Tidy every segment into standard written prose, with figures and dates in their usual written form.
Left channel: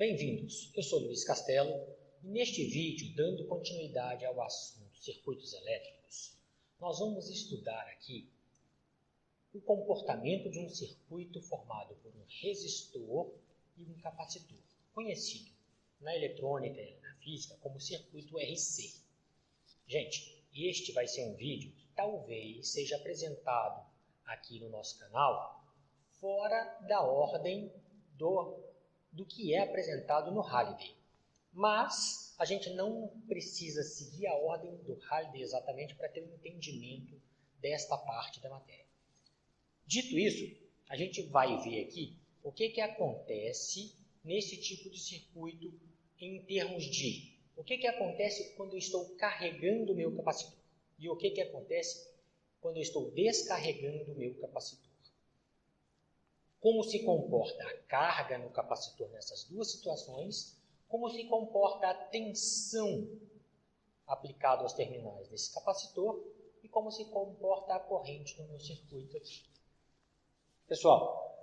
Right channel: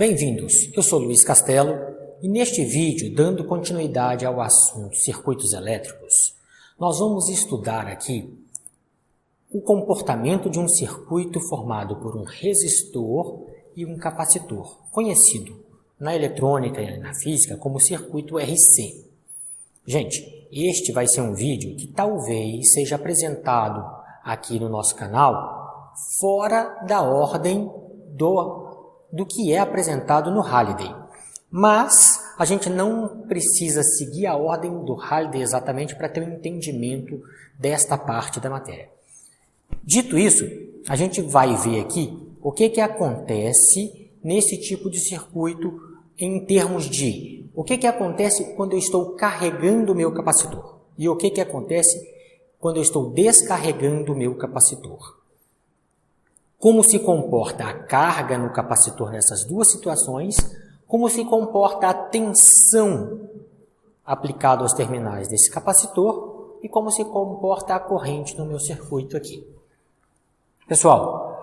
Bem-vindos, eu sou Luiz Castelo e neste vídeo, dando continuidade ao assunto circuitos elétricos, nós vamos estudar aqui o comportamento de um circuito formado por um resistor e um capacitor, conhecido na eletrônica e na física como circuito RC. Gente, este vai ser um vídeo que talvez seja apresentado aqui no nosso canal fora da ordem do que é apresentado no Halliday. Mas a gente não precisa seguir a ordem do Halliday exatamente para ter um entendimento desta parte da matéria. Dito isso, a gente vai ver aqui o que acontece nesse tipo de circuito em termos de o que acontece quando eu estou carregando o meu capacitor e o que acontece quando eu estou descarregando o meu capacitor. Como se comporta a carga no capacitor nessas duas situações, como se comporta a tensão aplicada aos terminais desse capacitor e como se comporta a corrente no meu circuito aqui. Pessoal,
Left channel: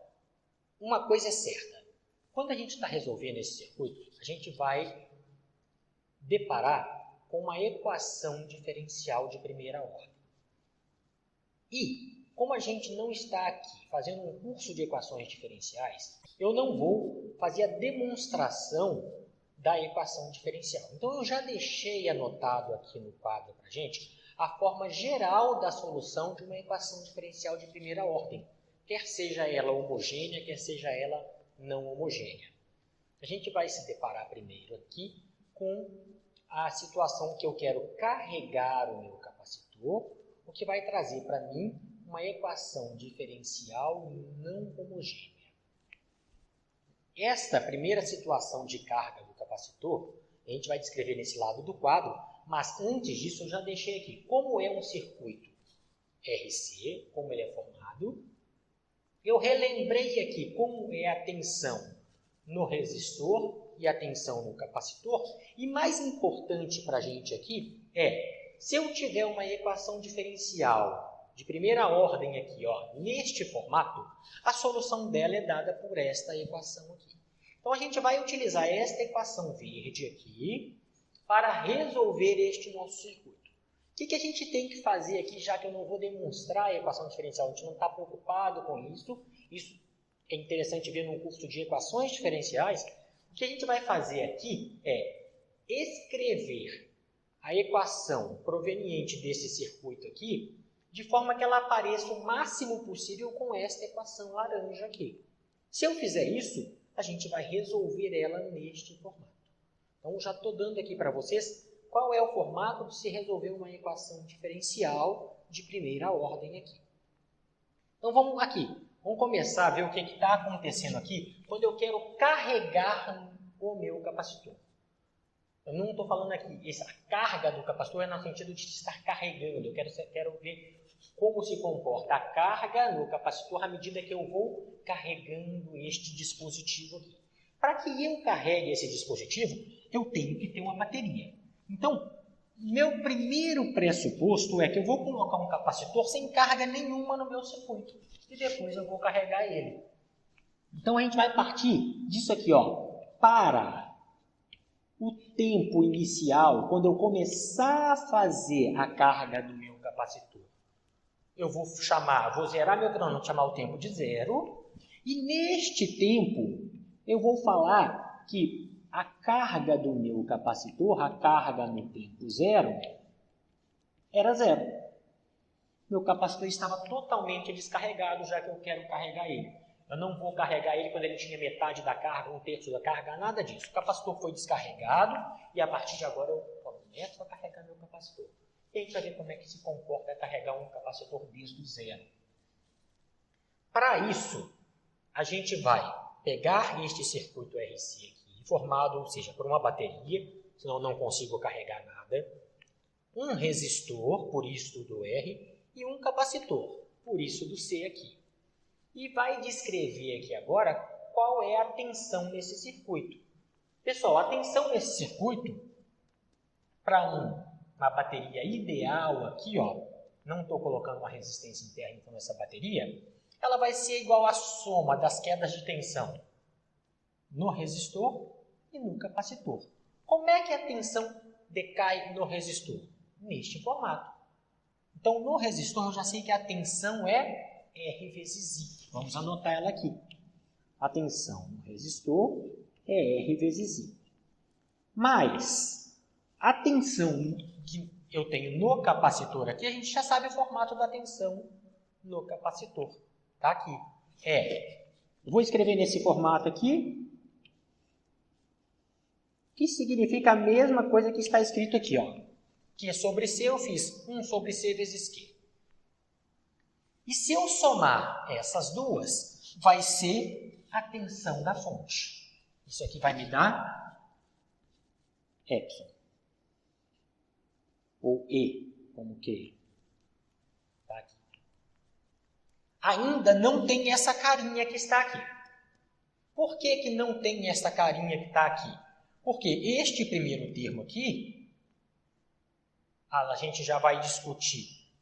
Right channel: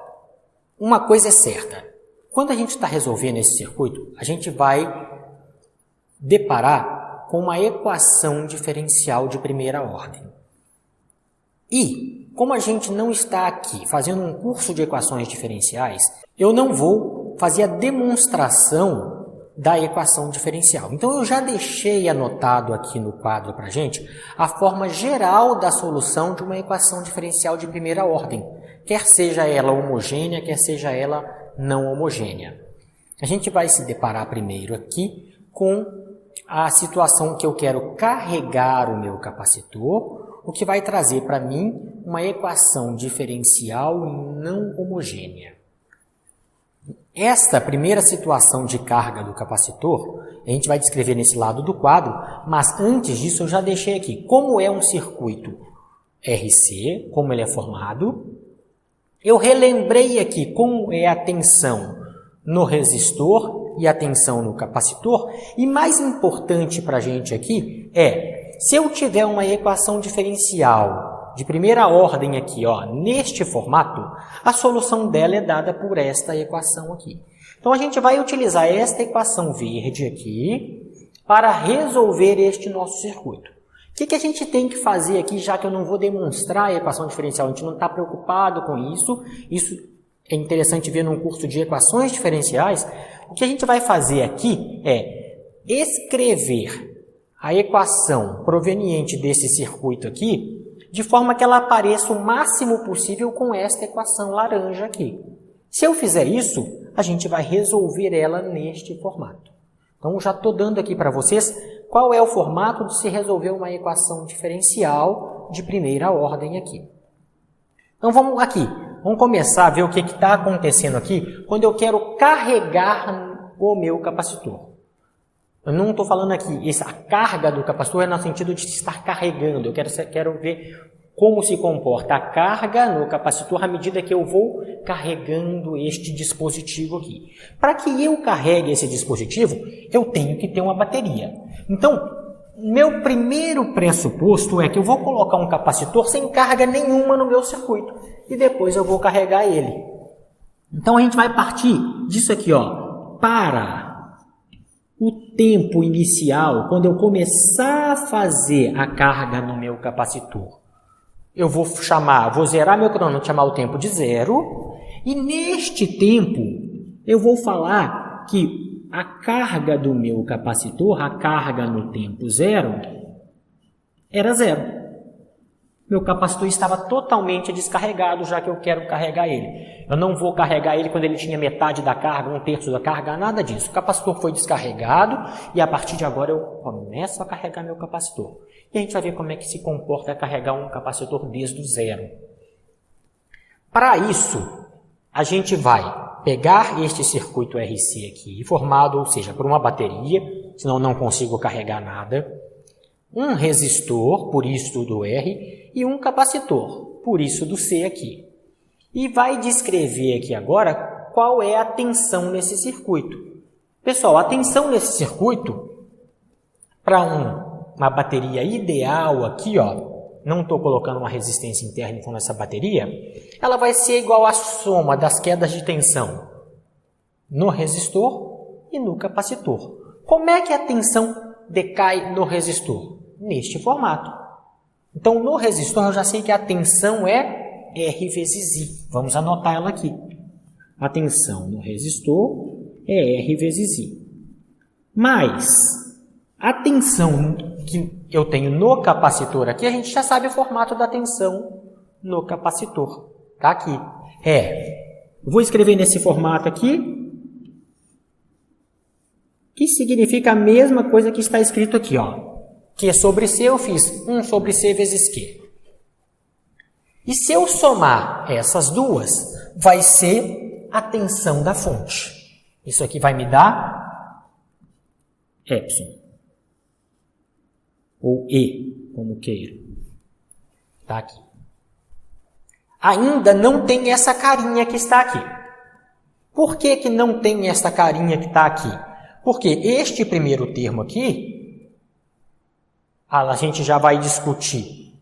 uma coisa é certa, quando a gente está resolvendo esse circuito, a gente vai deparar com uma equação diferencial de primeira ordem. E, como a gente não está aqui fazendo um curso de equações diferenciais, eu não vou fazer a demonstração da equação diferencial. Então, eu já deixei anotado aqui no quadro para a gente a forma geral da solução de uma equação diferencial de primeira ordem, quer seja ela homogênea, quer seja ela não homogênea. A gente vai se deparar primeiro aqui com a situação que eu quero carregar o meu capacitor, o que vai trazer para mim uma equação diferencial não homogênea. Esta primeira situação de carga do capacitor, a gente vai descrever nesse lado do quadro, mas antes disso eu já deixei aqui como é um circuito RC, como ele é formado. Eu relembrei aqui como é a tensão no resistor e a tensão no capacitor. E mais importante para a gente aqui se eu tiver uma equação diferencial de primeira ordem aqui, neste formato, a solução dela é dada por esta equação aqui. Então, a gente vai utilizar esta equação verde aqui para resolver este nosso circuito. O que a gente tem que fazer aqui, já que eu não vou demonstrar a equação diferencial, a gente não está preocupado com isso, isso é interessante ver num curso de equações diferenciais. O que a gente vai fazer aqui é escrever a equação proveniente desse circuito aqui, de forma que ela apareça o máximo possível com esta equação laranja aqui. Se eu fizer isso, a gente vai resolver ela neste formato. Então, já estou dando aqui para vocês qual é o formato de se resolver uma equação diferencial de primeira ordem aqui. Então, vamos começar a ver o que está acontecendo aqui quando eu quero carregar o meu capacitor. Eu não estou falando aqui, a carga do capacitor é no sentido de estar carregando. Eu quero ver como se comporta a carga no capacitor à medida que eu vou carregando este dispositivo aqui. Para que eu carregue esse dispositivo, eu tenho que ter uma bateria. Então, meu primeiro pressuposto é que eu vou colocar um capacitor sem carga nenhuma no meu circuito e depois eu vou carregar ele. Então, a gente vai partir disso aqui, para o tempo inicial, quando eu começar a fazer a carga no meu capacitor. Eu vou zerar meu cronômetro, chamar o tempo de 0, e neste tempo eu vou falar que a carga do meu capacitor, a carga no tempo 0, era 0. Meu capacitor estava totalmente descarregado, já que eu quero carregar ele. Eu não vou carregar ele quando ele tinha metade da carga, 1/3 da carga, nada disso. O capacitor foi descarregado e a partir de agora eu começo a carregar meu capacitor. E a gente vai ver como é que se comporta carregar um capacitor desde o 0. Para isso, a gente vai pegar este circuito RC aqui, formado, ou seja, por uma bateria, senão não consigo carregar nada, um resistor, por isso do R, e um capacitor, por isso do C aqui. E vai descrever aqui agora qual é a tensão nesse circuito. Pessoal, a tensão nesse circuito, para uma bateria ideal aqui, não estou colocando uma resistência interna com essa bateria, ela vai ser igual à soma das quedas de tensão no resistor e no capacitor. Como é que a tensão decai no resistor? Neste formato. Então, no resistor, eu já sei que a tensão é R vezes I. Vamos anotar ela aqui. A tensão no resistor é R vezes I. Mas a tensão que eu tenho no capacitor aqui, a gente já sabe o formato da tensão no capacitor. Está aqui. Eu vou escrever nesse formato aqui, que significa a mesma coisa que está escrito aqui, ó. Q sobre C eu fiz 1 sobre C vezes Q. E se eu somar essas duas, vai ser a tensão da fonte. Isso aqui vai me dar epsilon. Ou E, como queira. Está aqui. Ainda não tem essa carinha que está aqui. Por que que não tem essa carinha que está aqui? Porque este primeiro termo aqui, a gente já vai discutir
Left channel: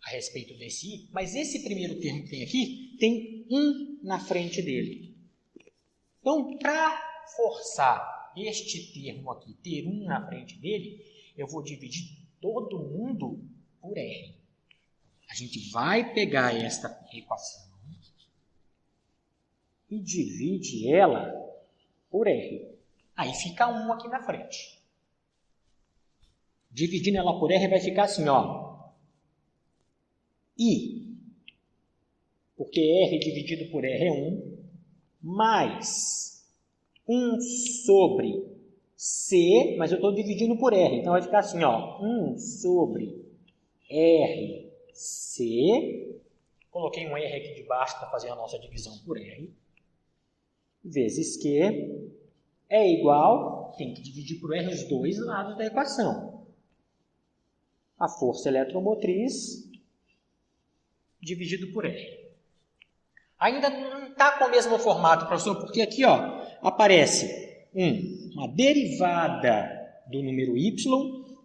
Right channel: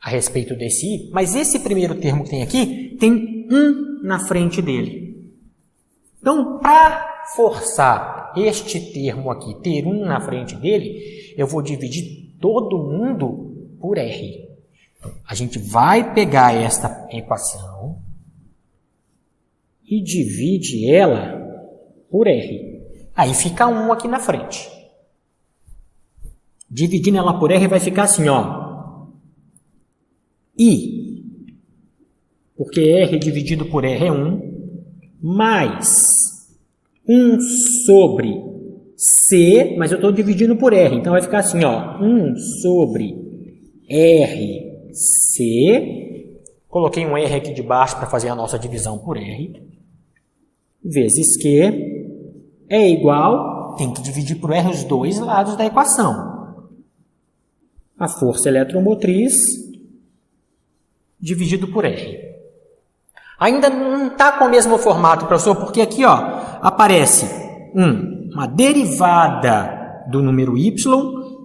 a respeito desse I, mas esse primeiro termo que tem aqui, tem 1 na frente dele. Então, para forçar este termo aqui, ter 1 na frente dele, eu vou dividir todo mundo por R. A gente vai pegar esta equação e divide ela por R. Aí fica 1 aqui na frente. Dividindo ela por R vai ficar assim, ó. I, porque R dividido por R é 1, mais 1 sobre C, mas eu estou dividindo por R, então vai ficar assim, ó. 1 sobre RC, coloquei um R aqui de baixo para fazer a nossa divisão por R, vezes Q, é igual, tem que dividir por R os dois lados da equação. A força eletromotriz dividido por R. Ainda não está com o mesmo formato, professor, porque aqui ó, aparece uma derivada do número Y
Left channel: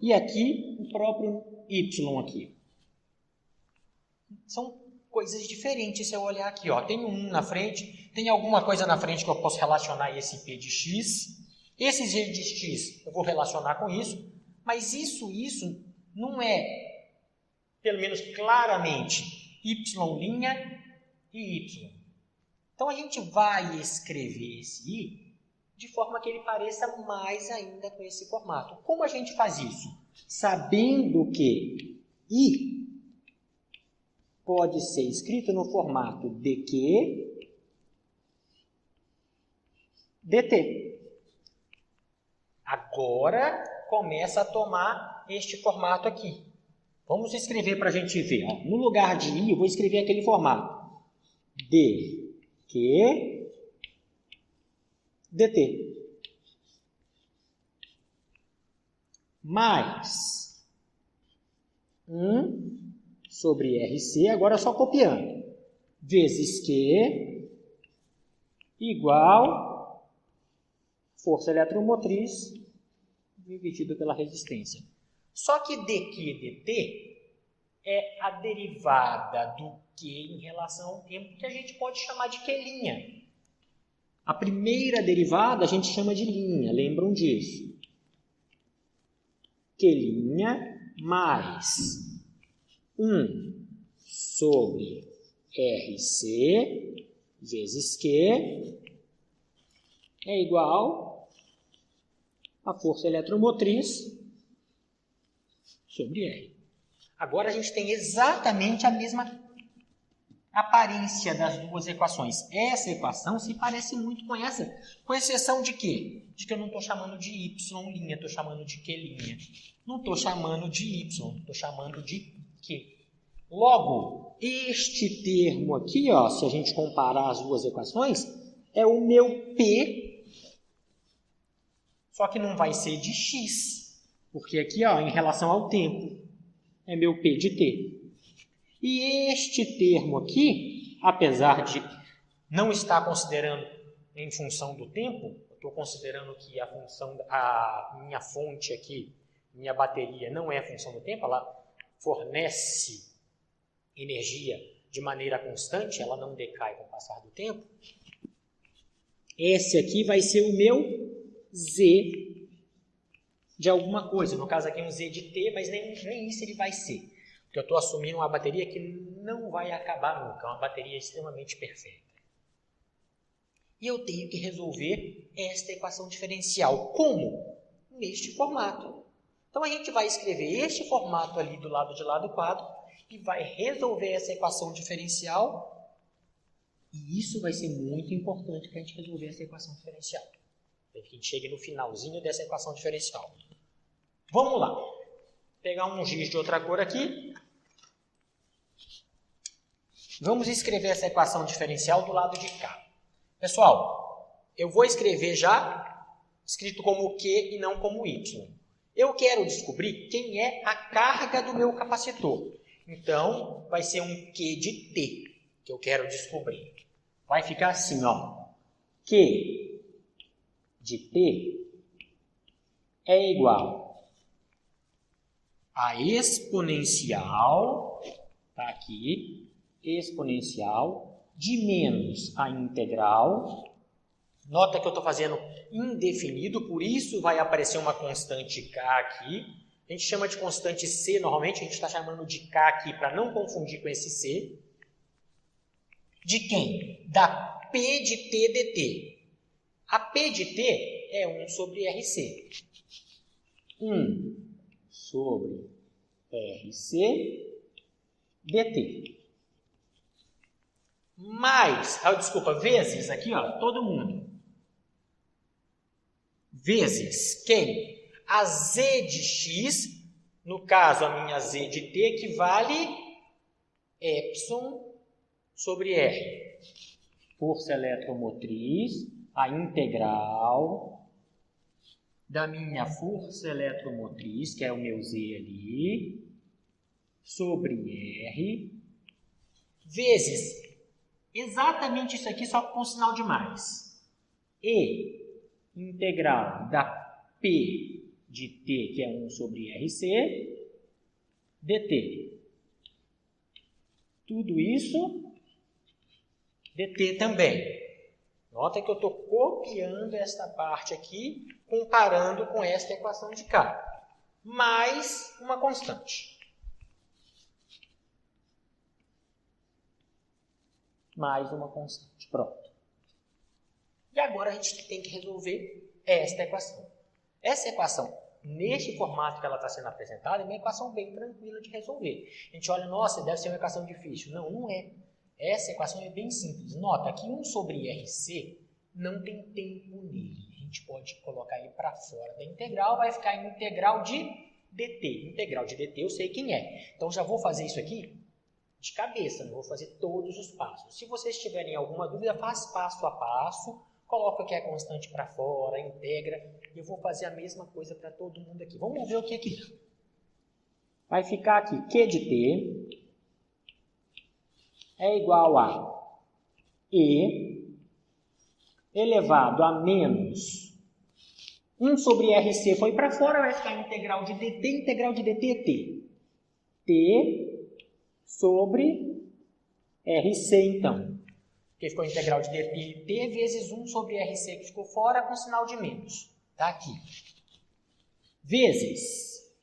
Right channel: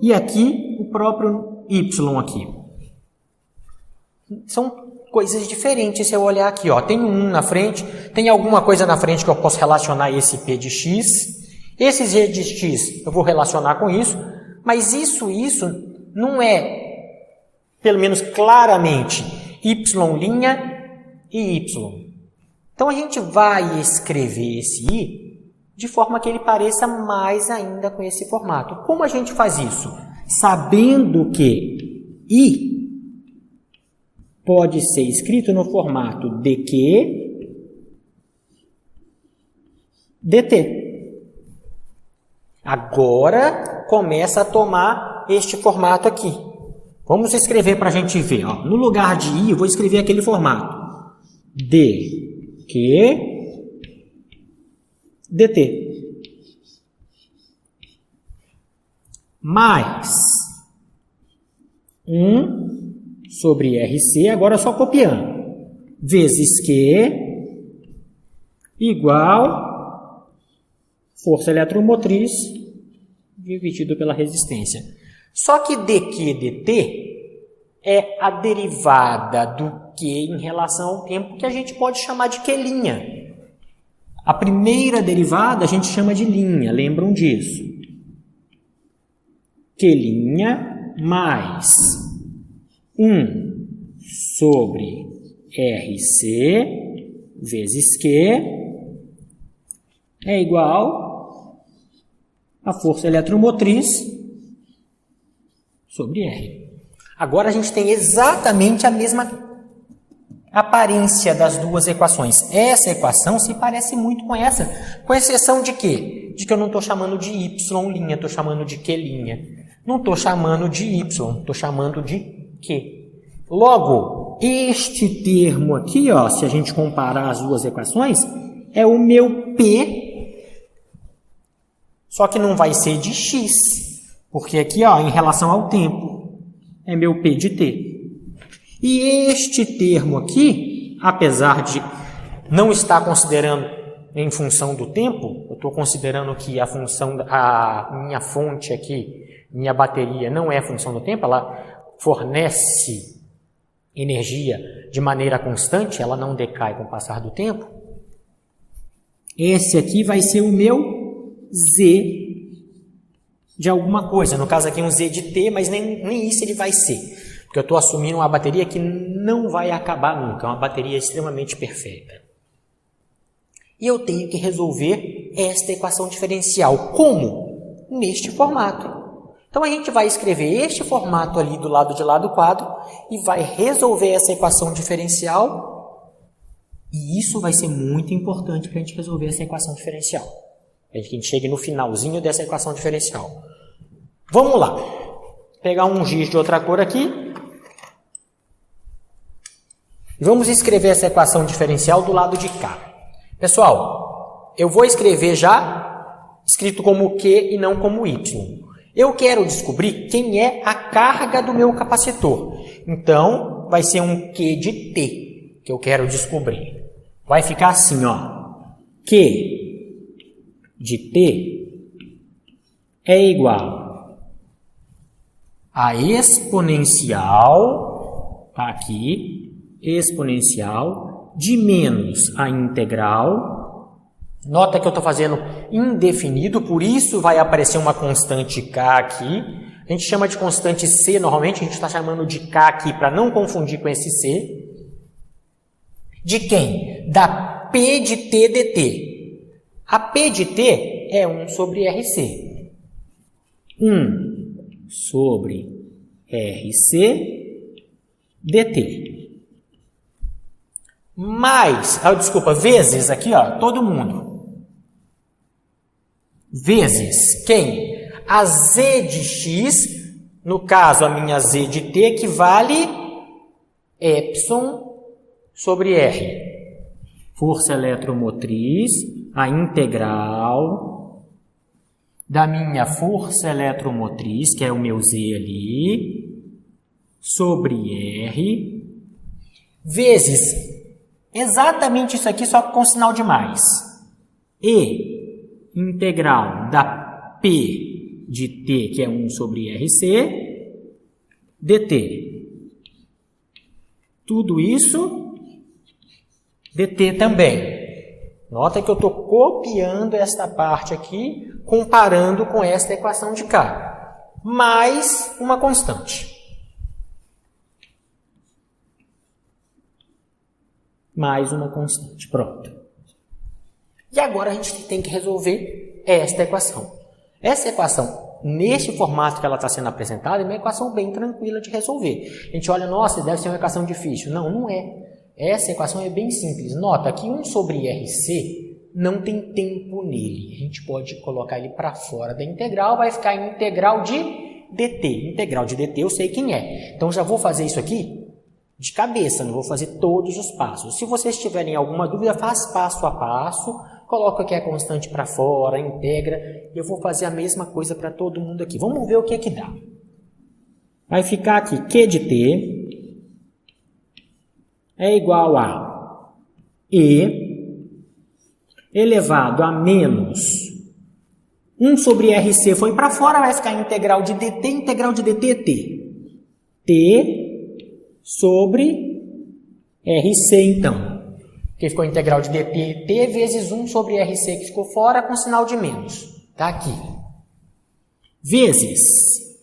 e aqui o próprio Y aqui. São coisas diferentes se eu olhar aqui, ó. Tem 1 na frente, tem alguma coisa na frente que eu posso relacionar esse P de X. Esse Z de X eu vou relacionar com isso, mas isso não é, pelo menos claramente, Y' e Y. Então a gente vai escrever esse I de forma que ele pareça mais ainda com esse formato. Como a gente faz isso? Sabendo que I pode ser escrito no formato dQ, dt. Agora começa a tomar este formato aqui. Vamos escrever para a gente ver. Ó. No lugar de I, eu vou escrever aquele formato. dQ, dt. Mais 1 sobre RC, agora só copiando, vezes Q igual força eletromotriz dividido pela resistência. Só que dQ dt é a derivada do Q em relação ao tempo que a gente pode chamar de Q'. A primeira derivada a gente chama de linha, lembram disso? Q' mais 1 sobre RC vezes Q é igual a força eletromotriz sobre R. Agora a gente tem exatamente a mesma aparência das duas equações. Essa equação se parece muito com essa, com exceção de quê? De que eu não estou chamando de Y', estou chamando de Q'. Não estou chamando de Y, estou chamando de Q. Logo, este termo aqui, ó, se a gente comparar as duas equações, é o meu P, só que não vai ser de X, porque aqui, ó, em relação ao tempo, é meu P de T. E este termo aqui, apesar de não estar considerando em função do tempo, eu estou considerando que a minha fonte aqui, minha bateria, não é função do tempo, ela fornece energia de maneira constante, ela não decai com o passar do tempo. Esse aqui vai ser o meu z de alguma coisa. No caso aqui um z de t, mas nem isso ele vai ser. Porque eu estou assumindo uma bateria que não vai acabar nunca. É uma bateria extremamente perfeita. E eu tenho que resolver esta equação diferencial. Como? Neste formato. Então, a gente vai escrever este formato ali do lado de lá do quadro e vai resolver essa equação diferencial. E isso vai ser muito importante para a gente resolver essa equação diferencial. Para que a gente chegue no finalzinho dessa equação diferencial. Vamos lá. Vou pegar um giz de outra cor aqui. Vamos escrever essa equação diferencial do lado de cá. Pessoal, eu vou escrever já escrito como Q e não como Y. Eu quero descobrir quem é a carga do meu capacitor. Então, vai ser um Q de T que eu quero descobrir. Vai ficar assim, ó. Q de T é igual a exponencial, aqui, exponencial de menos a integral. Nota que eu estou fazendo indefinido, por isso vai aparecer uma constante K aqui. A gente chama de constante C, normalmente a gente está chamando de K aqui para não confundir com esse C. De quem? Da P de T dt. A P de T é 1 sobre RC. 1 sobre RC dt. Mais, vezes aqui, ó, todo mundo. Vezes quem? A Z de X, no caso a minha Z de T, equivale epsilon sobre R. Força eletromotriz, a integral da minha força eletromotriz, que é o meu Z ali, sobre R, vezes exatamente isso aqui, só com sinal de mais. E integral da P de T, que é 1 sobre RC, dt. Tudo isso, dt também. Nota que eu estou copiando esta parte aqui, comparando com esta equação de cá. Mais uma constante. Mais uma constante. Pronto. E agora a gente tem que resolver esta equação. Essa equação, neste formato que ela está sendo apresentada, é uma equação bem tranquila de resolver. A gente olha, nossa, deve ser uma equação difícil. Não, não é. Essa equação é bem simples. Nota que 1 sobre RC não tem tempo nele. A gente pode colocar ele para fora da integral, vai ficar em integral de dt. Integral de dt eu sei quem é. Então já vou fazer isso aqui de cabeça, não vou fazer todos os passos. Se vocês tiverem alguma dúvida, faz passo a passo, coloca aqui a constante para fora, integra, e eu vou fazer a mesma coisa para todo mundo aqui. Vamos ver o que é que dá. Vai ficar aqui Q de T é igual a E elevado a menos 1 sobre RC foi para fora, vai ficar integral de dt é T. T sobre RC, então. Que ficou integral de dt vezes 1 sobre RC, que ficou fora, com sinal de menos. Está aqui. Vezes.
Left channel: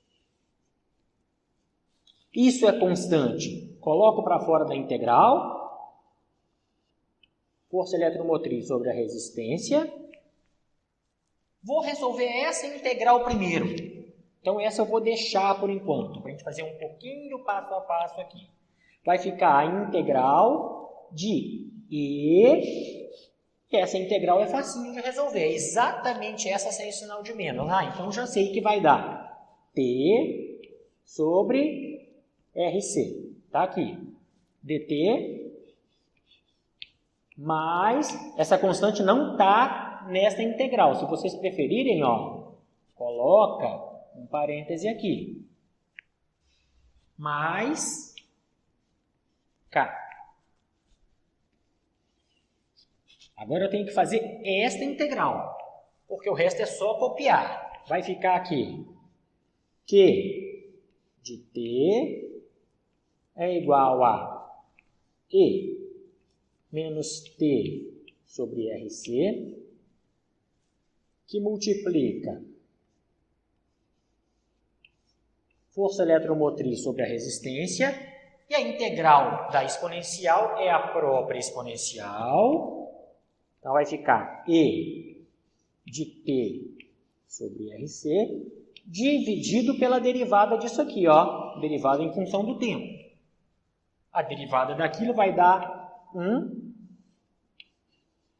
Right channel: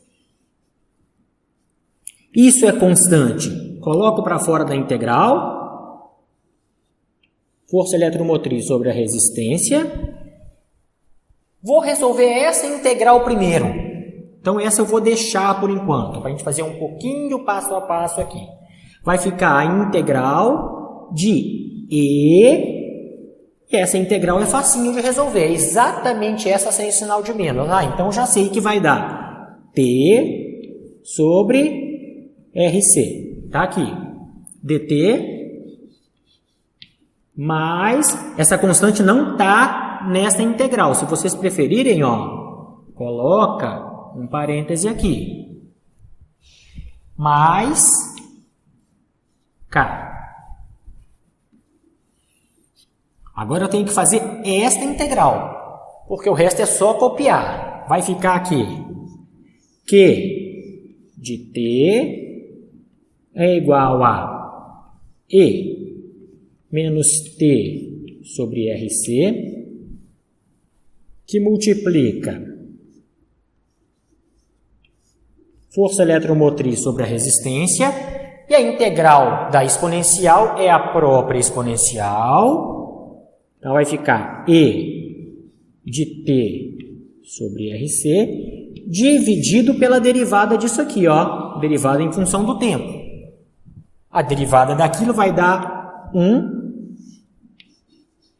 Isso é constante. Coloco para fora da integral. Força eletromotriz sobre a resistência. Vou resolver essa integral primeiro. Então, essa eu vou deixar por enquanto, para a gente fazer um pouquinho passo a passo aqui. Vai ficar a integral de E. E essa integral é facinho de resolver. É exatamente essa sem sinal de menos. Então, já sei que vai dar T sobre RC. Está aqui. dt mais... Essa constante não está nessa integral. Se vocês preferirem, ó, coloca um parêntese aqui. Mais K. Agora eu tenho que fazer esta integral, porque o resto é só copiar. Vai ficar aqui Q de T é igual a E menos T sobre RC que multiplica força eletromotriz sobre a resistência, e a integral da exponencial é a própria exponencial. Então, vai ficar E de T sobre RC, dividido pela derivada disso aqui, ó, derivada em função do tempo. A derivada daquilo vai dar 1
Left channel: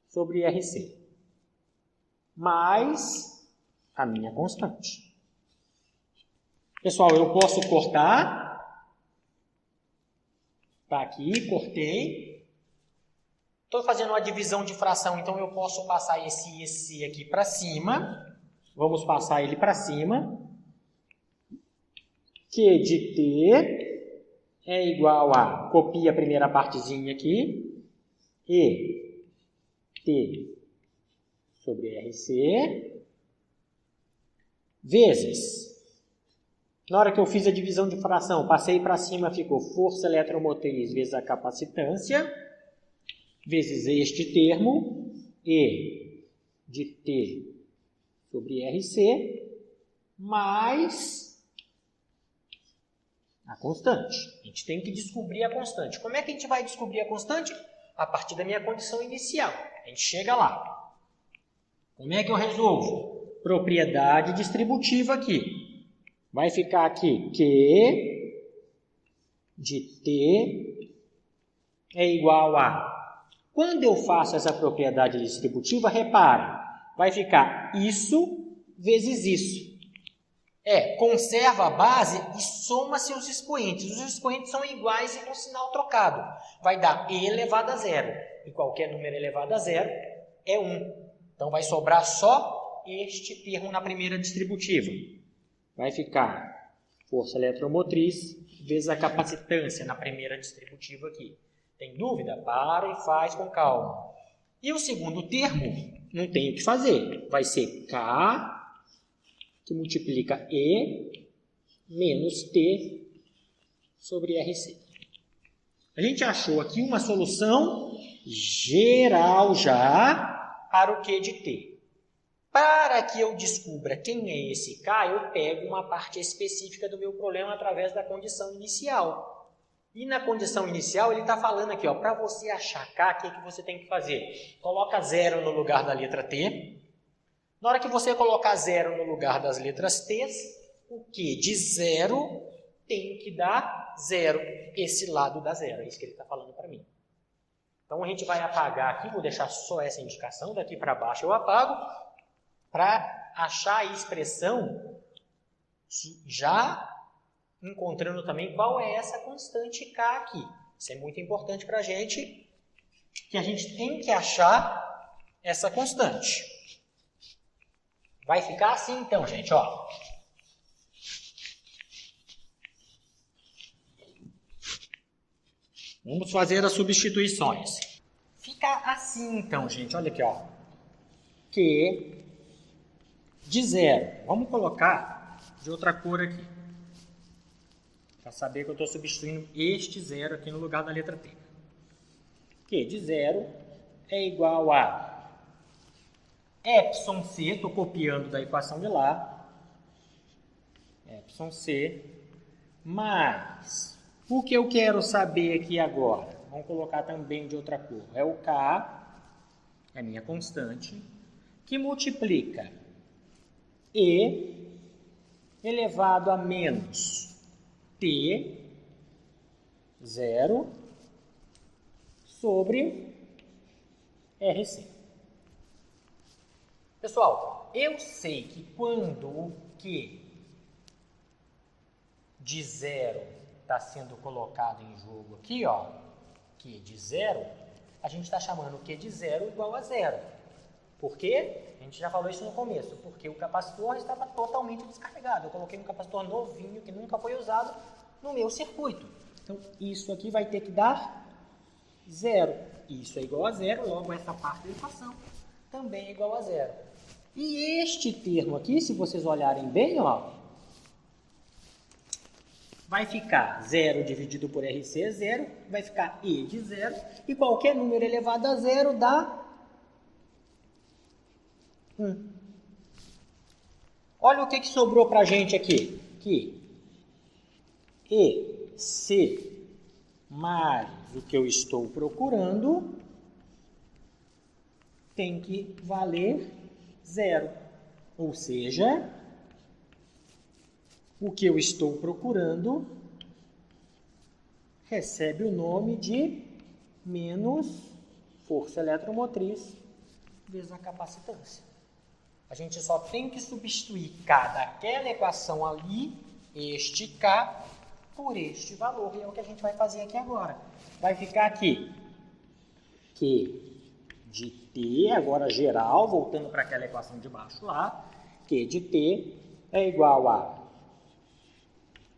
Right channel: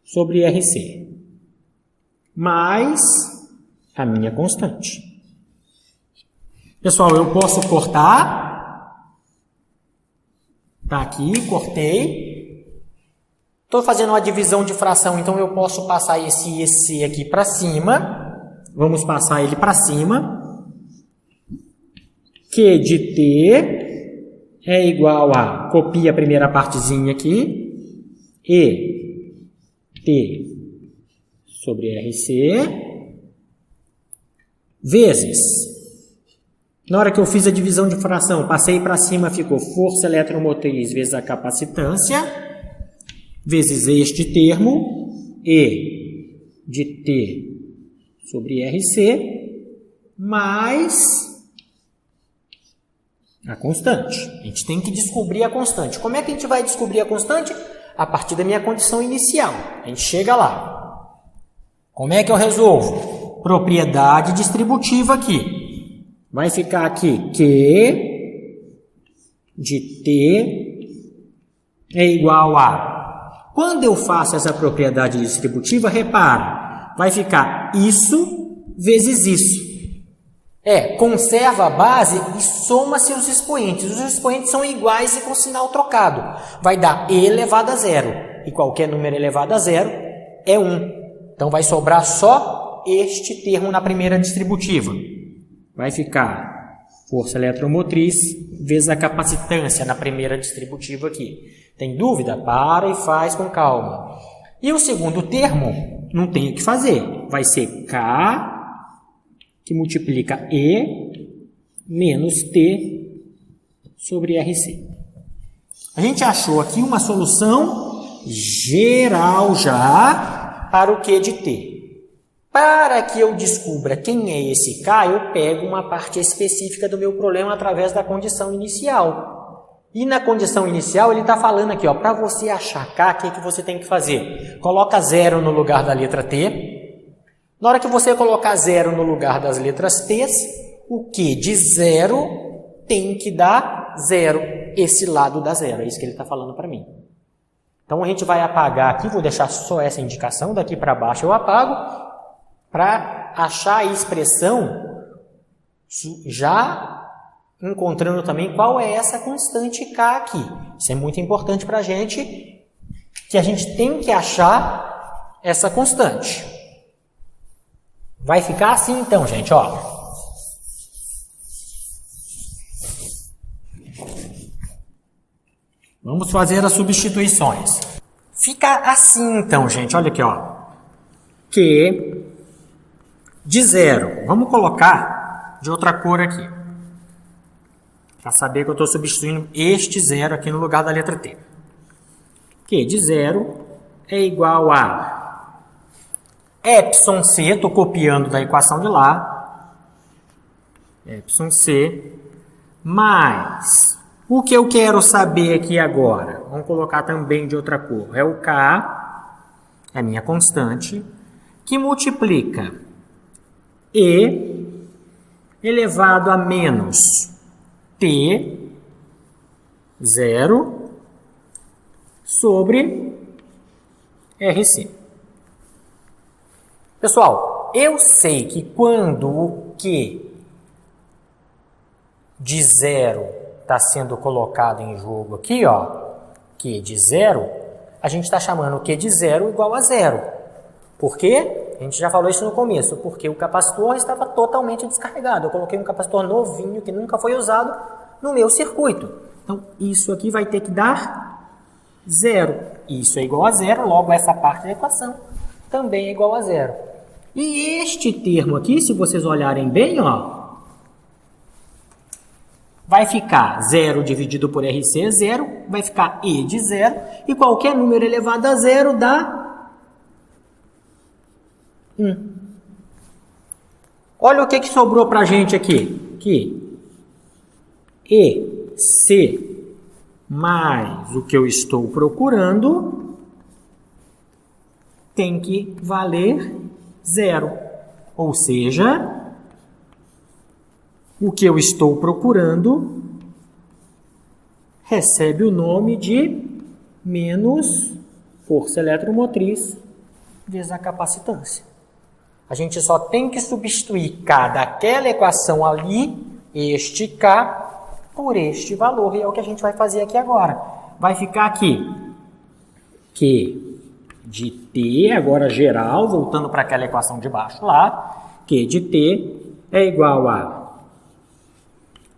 sobre RC, mais a minha constante. Pessoal, eu posso cortar. Tá aqui, cortei. Estou fazendo uma divisão de fração, então eu posso passar esse EC aqui para cima. Vamos passar ele para cima. Q de T é igual a, copia a primeira partezinha aqui, E T sobre RC, vezes, na hora que eu fiz a divisão de fração, passei para cima, ficou força eletromotriz vezes a capacitância, vezes este termo, E de T sobre RC, mais a constante. A gente tem que descobrir a constante. Como é que a gente vai descobrir a constante? A partir da minha condição inicial. A gente chega lá. Como é que eu resolvo? Propriedade distributiva aqui. Vai ficar aqui Q de T é igual a... Quando eu faço essa propriedade distributiva, repara, vai ficar isso vezes isso. Conserva a base e soma-se os expoentes. Os expoentes são iguais e com sinal trocado. Vai dar E elevado a zero. E qualquer número elevado a zero é 1. Então, vai sobrar só este termo na primeira distributiva. Vai ficar força eletromotriz vezes a capacitância na primeira distributiva aqui. Tem dúvida? Para e faz com calma. E o segundo termo, não tem o que fazer. Vai ser K, que multiplica E, menos T sobre RC. A gente achou aqui uma solução geral já para o Q de T. Para que eu descubra quem é esse K, eu pego uma parte específica do meu problema através da condição inicial. E na condição inicial ele está falando aqui, para você achar K, o que você tem que fazer? Coloca 0 no lugar da letra T. Na hora que você colocar 0 no lugar das letras T, o Q de 0 tem que dar 0. Esse lado dá 0, é isso que ele está falando para mim. Então a gente vai apagar aqui, vou deixar só essa indicação, daqui para baixo eu apago, para achar a expressão, já encontrando também qual é essa constante K aqui. Isso é muito importante para a gente, que a gente tem que achar essa constante. Vai ficar assim então, gente, ó. Vamos fazer as substituições. Fica assim então, gente, olha aqui, ó. Q de 0. Vamos colocar de outra cor aqui. Para saber que eu estou substituindo este 0 aqui no lugar da letra T. Q de 0 é igual a Epsilon C, estou copiando da equação de lá. Epsilon C mais... O que eu quero saber aqui agora? Vamos colocar também de outra cor. É o K, é a minha constante, que multiplica E elevado a menos T, 0, sobre RC. Pessoal, eu sei que quando o Q de 0 está sendo colocado em jogo aqui, ó, Q de 0, a gente está chamando o Q de 0 igual a 0. Por quê? A gente já falou isso no começo, porque o capacitor estava totalmente descarregado. Eu coloquei um capacitor novinho, que nunca foi usado, no meu circuito. Então, isso aqui vai ter que dar 0. Isso é igual a 0, logo essa parte da equação também é igual a 0. E este termo aqui, se vocês olharem bem, ó, vai ficar 0 dividido por RC é 0, vai ficar E de 0, e qualquer número elevado a 0 dá 1. Olha o que sobrou para a gente aqui. Que EC mais o que eu estou procurando tem que valer 0. Ou seja, o que eu estou procurando recebe o nome de menos força eletromotriz vezes a capacitância. A gente só tem que substituir K daquela equação ali, este K, por este valor. E é o que a gente vai fazer aqui agora. Vai ficar aqui Q de T, agora geral, voltando para aquela equação de baixo lá. Q de T é igual a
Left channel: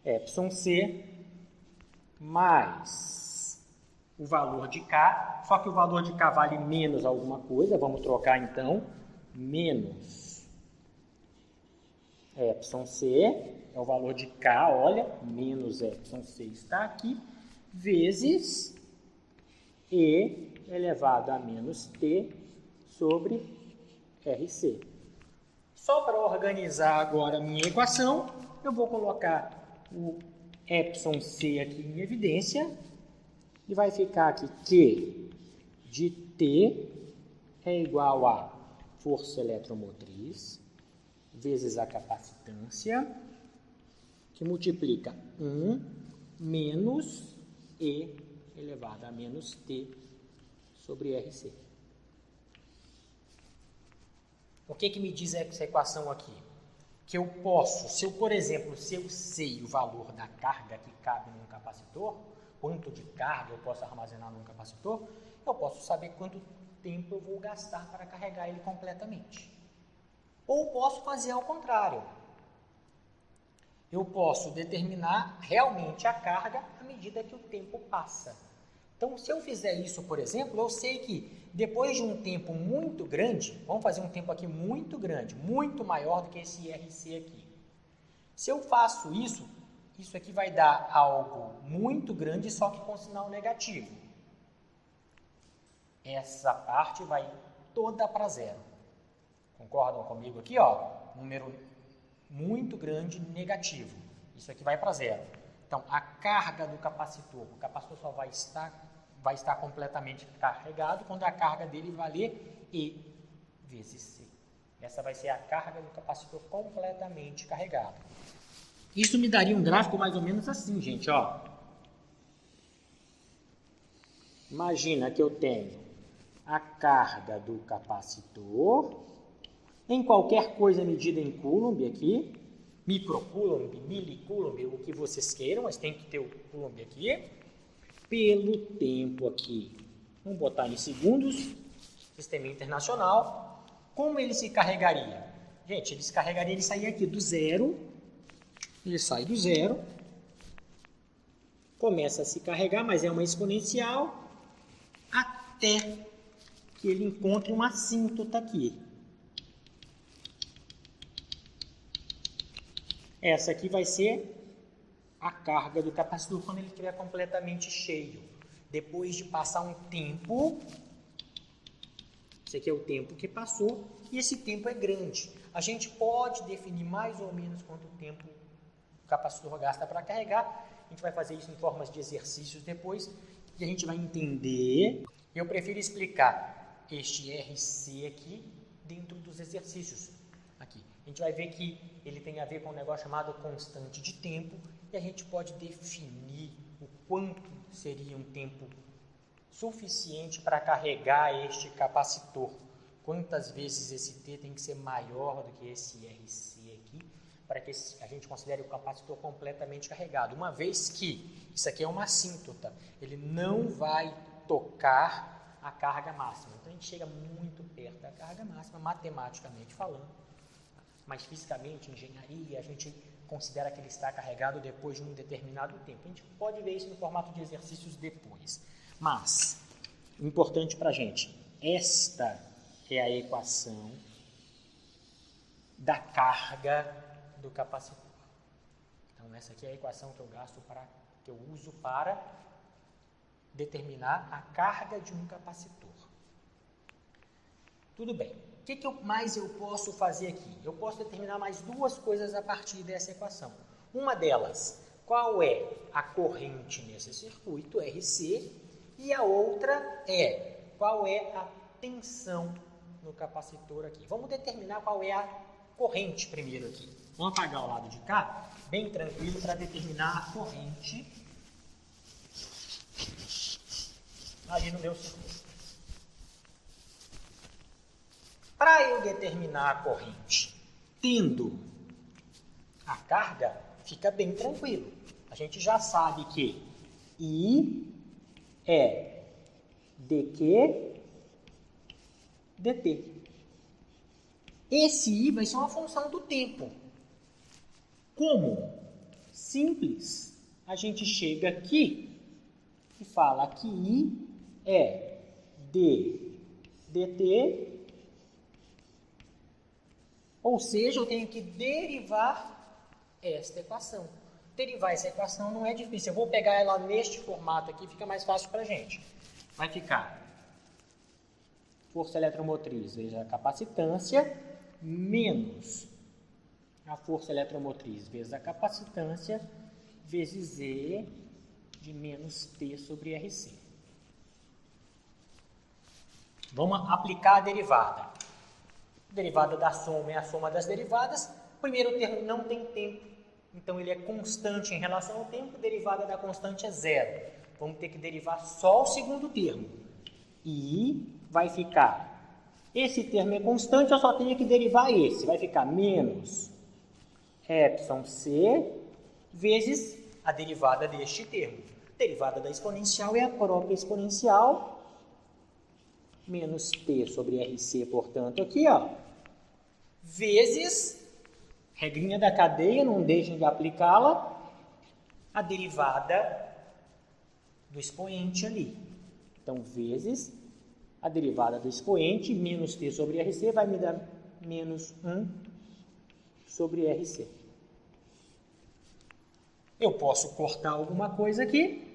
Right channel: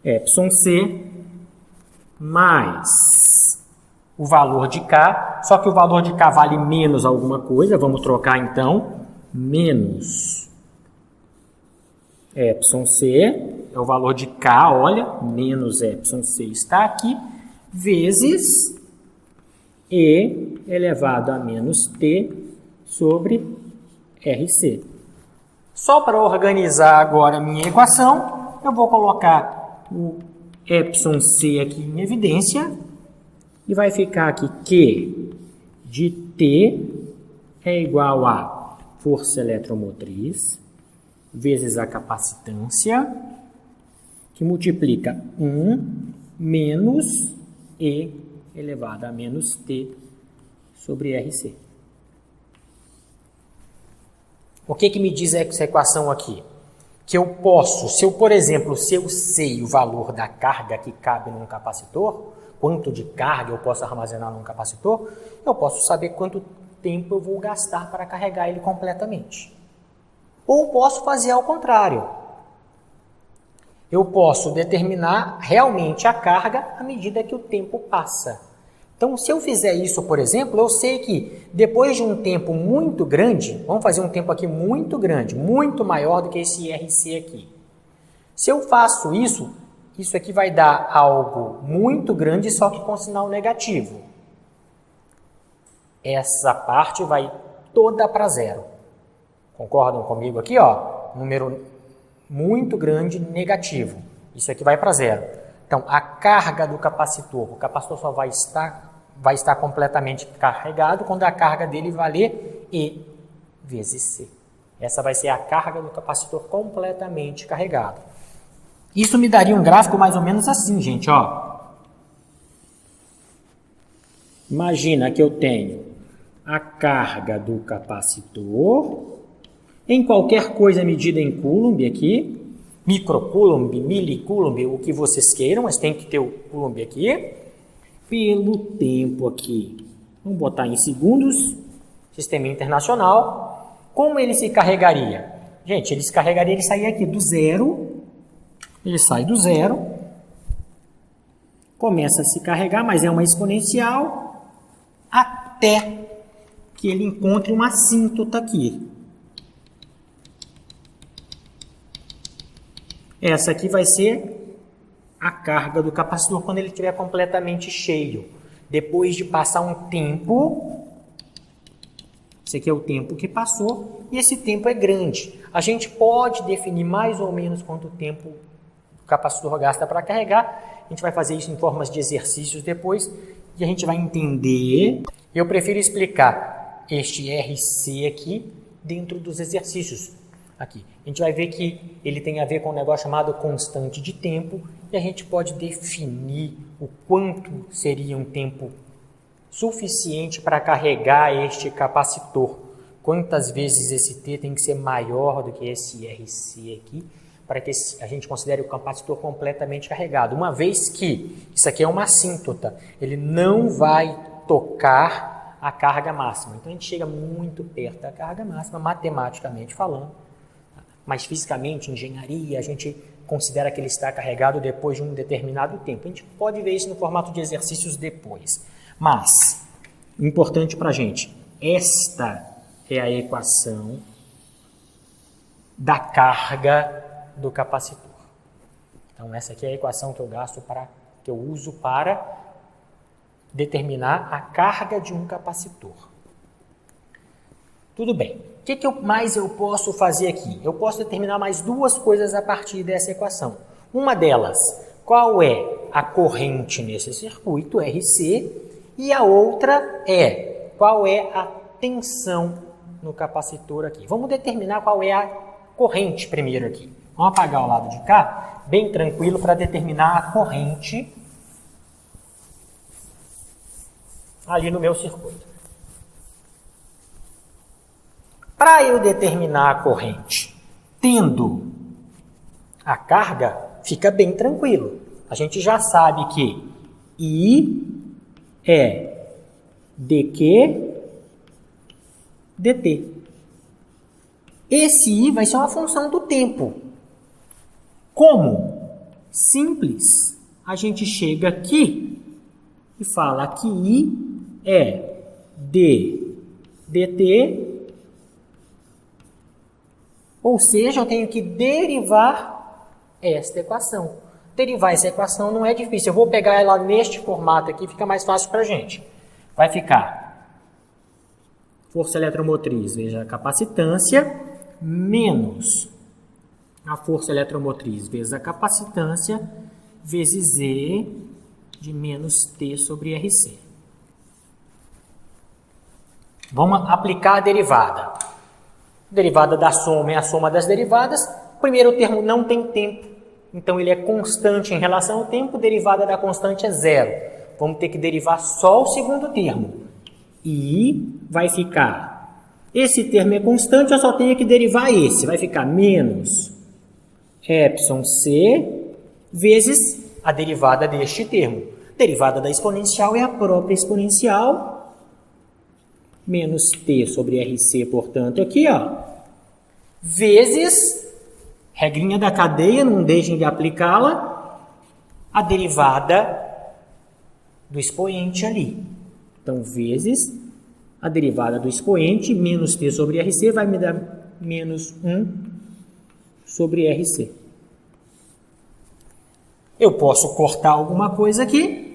εc mais o valor de K, só que o valor de K vale menos alguma coisa, vamos trocar então, menos εc, é o valor de K, olha, menos εc está aqui, vezes E elevado a menos T sobre RC. Só para organizar agora a minha equação, eu vou colocar o εc aqui em evidência, e vai ficar aqui Q de T é igual a força eletromotriz vezes a capacitância, que multiplica 1 menos E elevado a menos T sobre RC. O que me diz essa equação aqui? Que eu posso, por exemplo, se eu sei o valor da carga que cabe num capacitor, quanto de carga eu posso armazenar num capacitor, eu posso saber quanto tempo eu vou gastar para carregar ele completamente. Ou posso fazer ao contrário. Eu posso determinar realmente a carga à medida que o tempo passa. Então, se eu fizer isso, por exemplo, eu sei que depois de um tempo muito grande, vamos fazer um tempo aqui muito grande, muito maior do que esse RC aqui. Se eu faço isso, isso aqui vai dar algo muito grande, só que com sinal negativo. Essa parte vai toda para 0. Concordam comigo aqui? Ó, número muito grande negativo. Isso aqui vai para 0. Então, a carga do capacitor, o capacitor só vai estar completamente carregado quando a carga dele valer E vezes C. Essa vai ser a carga do capacitor completamente carregado. Isso me daria um gráfico mais ou menos assim, gente, ó. Imagina que eu tenho a carga do capacitor em qualquer coisa medida em coulomb aqui, microcoulomb, milicoulomb, o que vocês queiram, mas tem que ter o coulomb aqui, pelo tempo aqui. Vamos botar em segundos, sistema internacional. Como ele se carregaria? Gente, ele se carregaria, ele sairia aqui do 0, ele sai do 0, começa a se carregar, mas é uma exponencial, até que ele encontre uma assíntota aqui. Essa aqui vai ser a carga do capacitor quando ele estiver completamente cheio. Depois de passar um tempo, esse aqui é o tempo que passou, e esse tempo é grande. A gente pode definir mais ou menos quanto tempo o capacitor gasta para carregar. A gente vai fazer isso em formas de exercícios depois, e a gente vai entender. Eu prefiro explicar este RC aqui dentro dos exercícios. Aqui. A gente vai ver que ele tem a ver com um negócio chamado constante de tempo, e a gente pode definir o quanto seria um tempo suficiente para carregar este capacitor. Quantas vezes esse T tem que ser maior do que esse RC aqui, para que a gente considere o capacitor completamente carregado. Uma vez que isso aqui é uma assíntota, ele não vai tocar a carga máxima. Então a gente chega muito perto da carga máxima, matematicamente falando. Mas fisicamente, engenharia, a gente considera que ele está carregado depois de um determinado tempo. A gente pode ver isso no formato de exercícios depois. Mas, importante para a gente, esta é a equação da carga do capacitor. Então, essa aqui é a equação que eu uso para determinar a carga de um capacitor. Tudo bem. O que mais eu posso fazer aqui? Eu posso determinar mais duas coisas a partir dessa equação. Uma delas, qual é a corrente nesse circuito, RC, e a outra é qual é a tensão no capacitor aqui. Vamos determinar qual é a corrente primeiro aqui. Vamos apagar o lado de cá, bem tranquilo, para determinar a corrente ali no meu circuito. Para eu determinar a corrente tendo a carga, fica bem tranquilo. A gente já sabe que I é dQ dt. Esse I vai ser uma função do tempo. Como? Simples. A gente chega aqui e fala que I é d dt, ou seja, eu tenho que derivar esta equação. Derivar essa equação não é difícil. Eu vou pegar ela neste formato aqui, fica mais fácil para a gente. Vai ficar força eletromotriz, veja a capacitância, menos a força eletromotriz vezes a capacitância, vezes E de menos T sobre RC. Vamos aplicar a derivada. Derivada da soma é a soma das derivadas. O primeiro termo não tem tempo, então ele é constante em relação ao tempo. Derivada da constante é zero. Vamos ter que derivar só o segundo termo. E vai ficar, esse termo é constante, eu só tenho que derivar esse. Vai ficar menos epsilon c vezes a derivada deste termo. Derivada da exponencial é a própria exponencial, menos t sobre RC, portanto, aqui, ó, vezes, regrinha da cadeia, não deixem de aplicá-la, a derivada do expoente ali. Então, vezes a derivada do expoente, menos t sobre RC, vai me dar menos 1 sobre RC. Eu posso cortar alguma coisa aqui.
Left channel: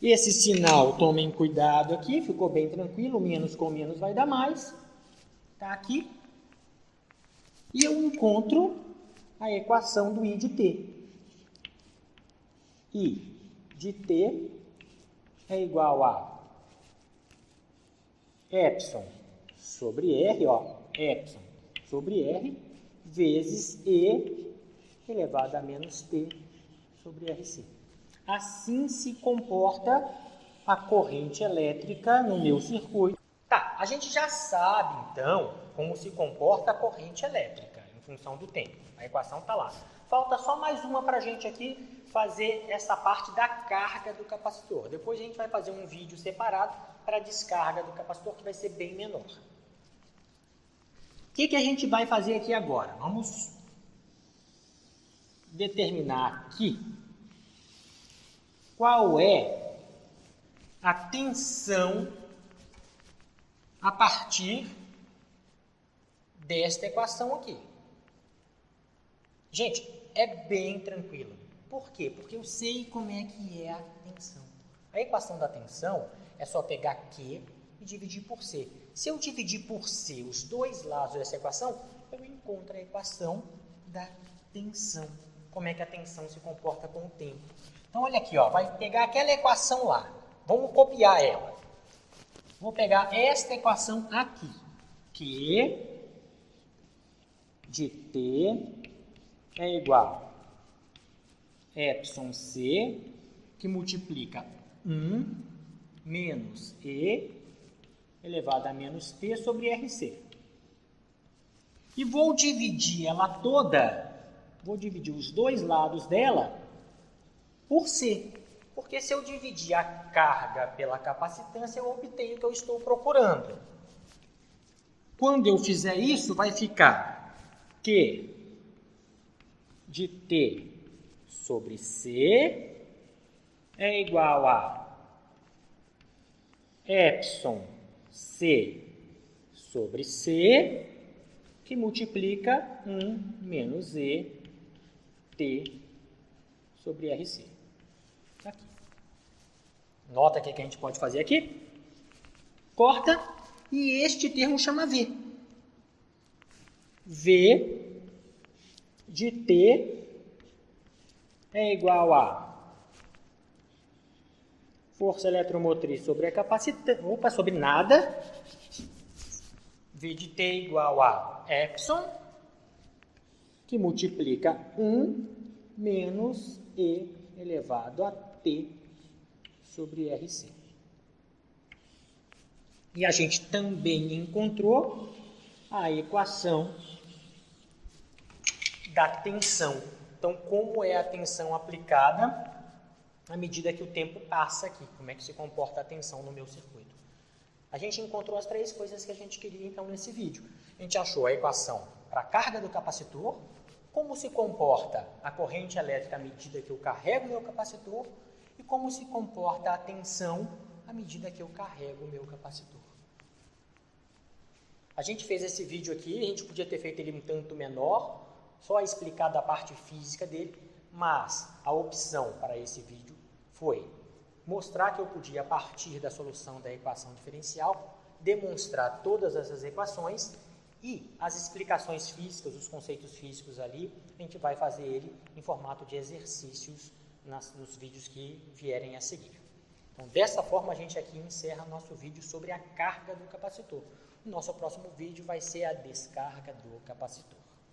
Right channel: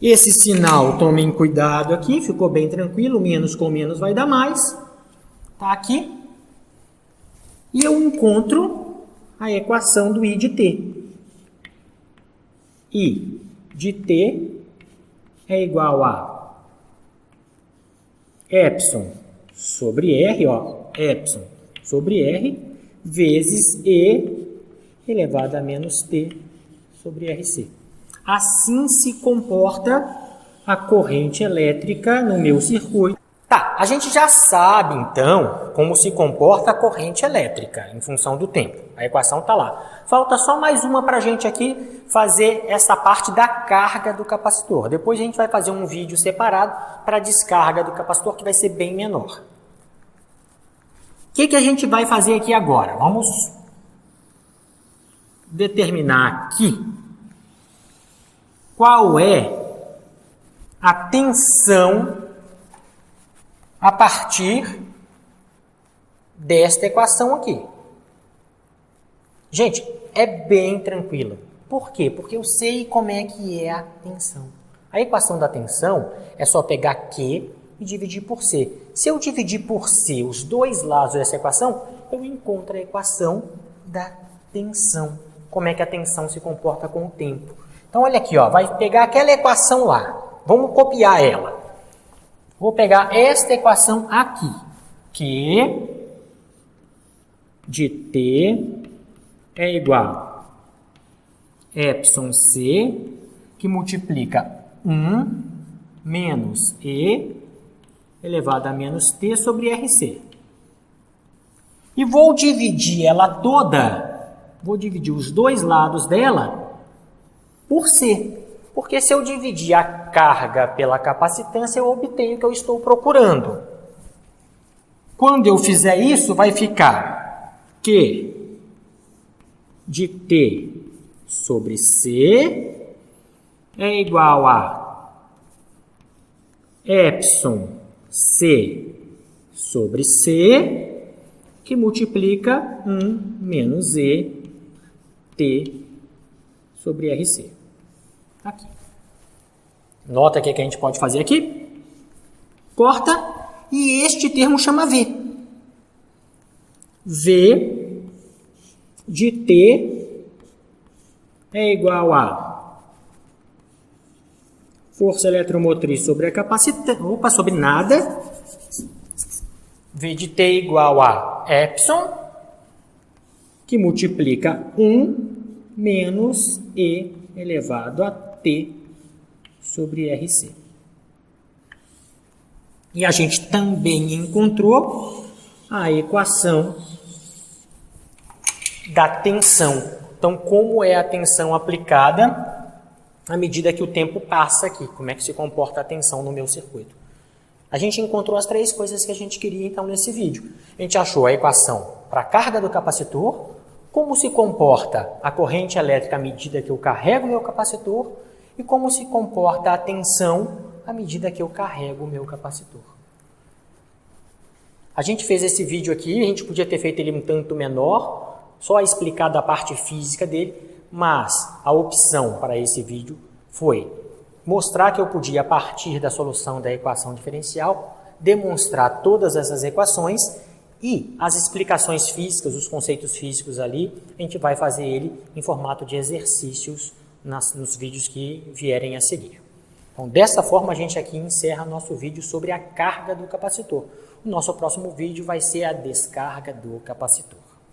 Esse sinal, tomem cuidado aqui, ficou bem tranquilo, menos com menos vai dar mais. Tá aqui. E eu encontro a equação do I de T. I de T é igual a epsilon sobre R, ó, epsilon sobre R, vezes E elevado a menos T sobre RC. Assim se comporta a corrente elétrica no meu circuito. Tá, a gente já sabe, então, como se comporta a corrente elétrica em função do tempo. A equação está lá. Falta só mais uma para a gente aqui fazer essa parte da carga do capacitor. Depois a gente vai fazer um vídeo separado para a descarga do capacitor, que vai ser bem menor. O que a gente vai fazer aqui agora? Vamos determinar aqui qual é a tensão a partir desta equação aqui. Gente, é bem tranquilo. Por quê? Porque eu sei como é que é a tensão. A equação da tensão é só pegar Q e dividir por C. Se eu dividir por C os dois lados dessa equação, eu encontro a equação da tensão. Como é que a tensão se comporta com o tempo. Então, olha aqui, ó, vai pegar aquela equação lá. Vamos copiar ela. Vou pegar esta equação aqui. Q de T é igual a epsilon C, que multiplica 1 menos E elevado a menos T sobre RC. E vou dividir ela toda, vou dividir os dois lados dela por C. Porque se eu dividir a carga pela capacitância, eu obtenho o que eu estou procurando. Quando eu fizer isso, vai ficar Q de T sobre C é igual a epsilon C sobre C, que multiplica 1 menos E T sobre RC. Aqui. Nota que a gente pode fazer aqui. Corta. E este termo chama V. V de T é igual a força eletromotriz sobre a capacitância. Opa, sobre nada. V de T é igual a epsilon, que multiplica 1 menos E elevado a T sobre RC. E a gente também encontrou a equação da tensão. Então, como é a tensão aplicada à medida que o tempo passa aqui? Como é que se comporta a tensão no meu circuito? A gente encontrou as 3 coisas que a gente queria, então, nesse vídeo. A gente achou a equação para a carga do capacitor, como se comporta a corrente elétrica à medida que eu carrego o meu capacitor e como se comporta a tensão à medida que eu carrego o meu capacitor. A gente fez esse vídeo aqui, a gente podia ter feito ele um tanto menor, só explicado a parte física dele, mas a opção para esse vídeo foi mostrar que eu podia, a partir da solução da equação diferencial, demonstrar todas essas equações e as explicações físicas, os conceitos físicos ali, a gente vai fazer ele em formato de exercícios nos vídeos que vierem a seguir. Então, dessa forma, a gente aqui encerra nosso vídeo sobre a carga do capacitor. O nosso próximo vídeo vai ser a descarga do capacitor.